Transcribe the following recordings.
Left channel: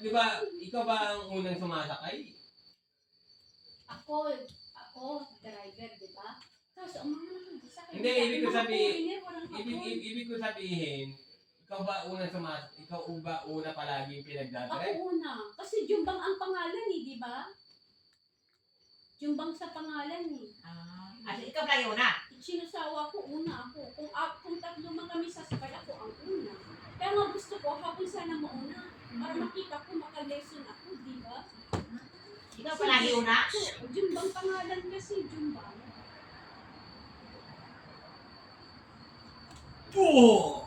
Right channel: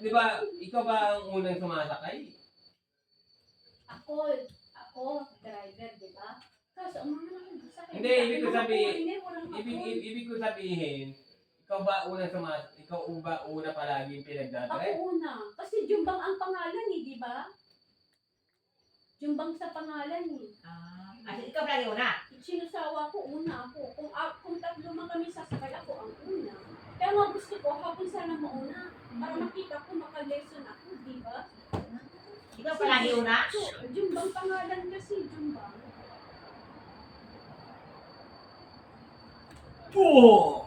di ba, ikaw ba ang unang sumasakay? Ako, driver, di ba? Tapos, ang mga nakasakay. Hindi, ibig ko sabihin, ibig ko sabihin, ikaw ba una palaging Ako pinagdadrive? una. Kasi Jumbang ang pangalan eh, di ba? Jumbang sa pangalan eh. Ikaw pa yun na. Sinusawa ko, una ako. Kung tatlo man kami sasakay, ako ang una. Kaya nga gusto ko, habang sana mauna, para makita ko, makalesson ako, di ba? Ikaw pa lagi una. Jumbang pangalan kasi, Jumbang. Oo!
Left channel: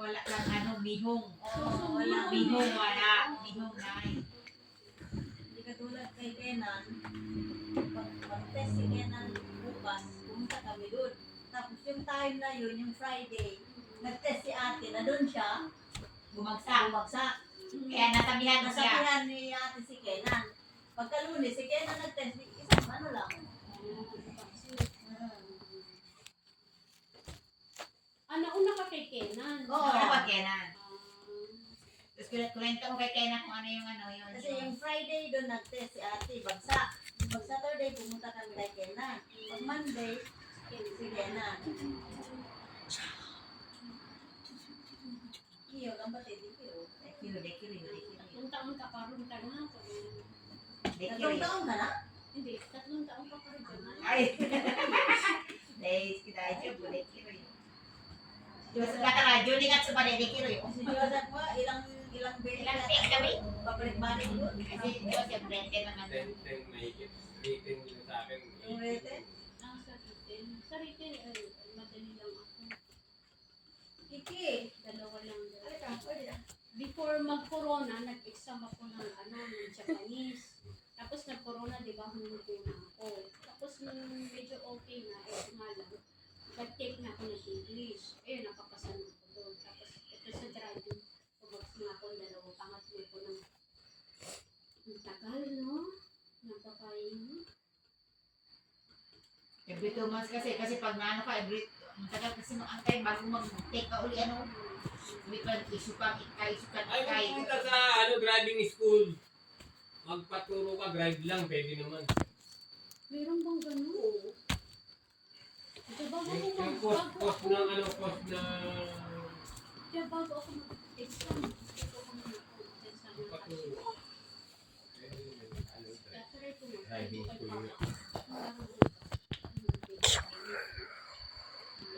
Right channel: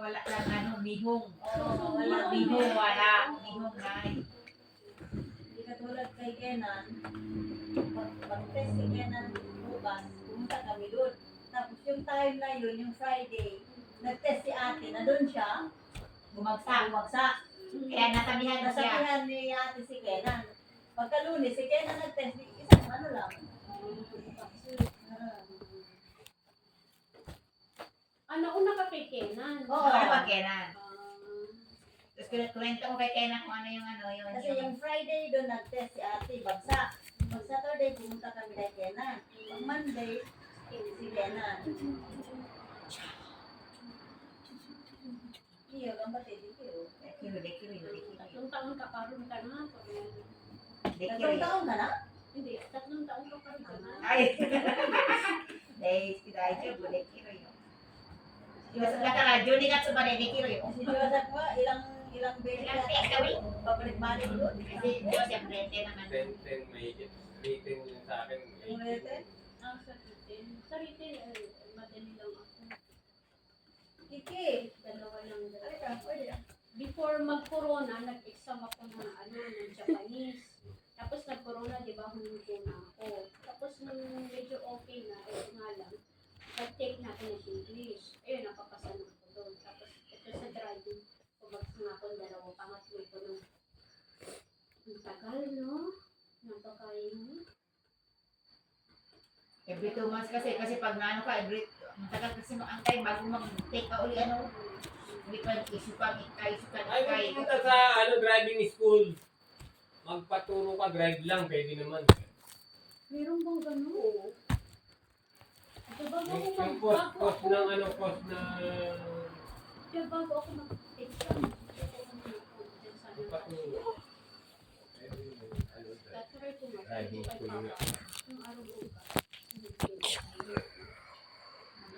Wala lang bihong. Wala Bihong na. Hindi katulad kay Kenan, pag-test si Kenan bukas, pumunta kami doon. Tapos yung time na yun, yung Friday, nag-test si ate, na doon siya, bumagsak. Kaya nasabihan na siya. Nasabihan ni ate si Kenan. Pagka-Lunes, si Kenan nag-test, isang ano lang. Nauna ka kay Kenan. Oo. Ano ba Kenan? Tapos kulento ko kay Kenan kung ano yung yun. Kasi yung Friday doon nag-test si ate, bagsak. Pag Saturday, pumunta kami kay Kenan. Pag Monday, si Kenan. Iyo, ang batid, iyo. Tatlong taon ka karoon ka na. Tatlong taon ka na? Hindi, 3 taon ka karoon ka na. Ay. Dahil kita aja boleh kira yun. Yung kata nga, Juni nga sa balik kira yun. Si Joseph mo, ilang beses Ilang tek kami? pabalik-balik doon? Kasi Joseph Brente naman. 10 mahigit. 18 yun sa akin. Yung rete? Sa Riten. Sa Riten, madali lang ako. Kiki! Dalawa lang daw. Ay, ka, oy. Before mag-corona, nag-exam ako ng Japanese. Tapos nag-corona, di ba, huminto na ako. Tapos nung medyo okay na, nga lang, nag-take na ako ng English. Ayun, napapasa na ako doon. Tapos ito sa driving, pumagsa na ako ng pangatlo ko ng ang tagal, no? Napakain. Every 2 months kasi pag naano ka, matagal kasi ang time bago mag-take ka uli hindi pa isukan. Ay, pumunta sa driving school. Magpaturo ka, drive lang, pwede naman. Meron bang gano'n? Oo. Diba bago Yung ako post na... Diba bago ako mag-exam, gusto ko muna ako dyan sa Magpaturo. Tatry ko Driving mag-try school ko kay yun. Papa.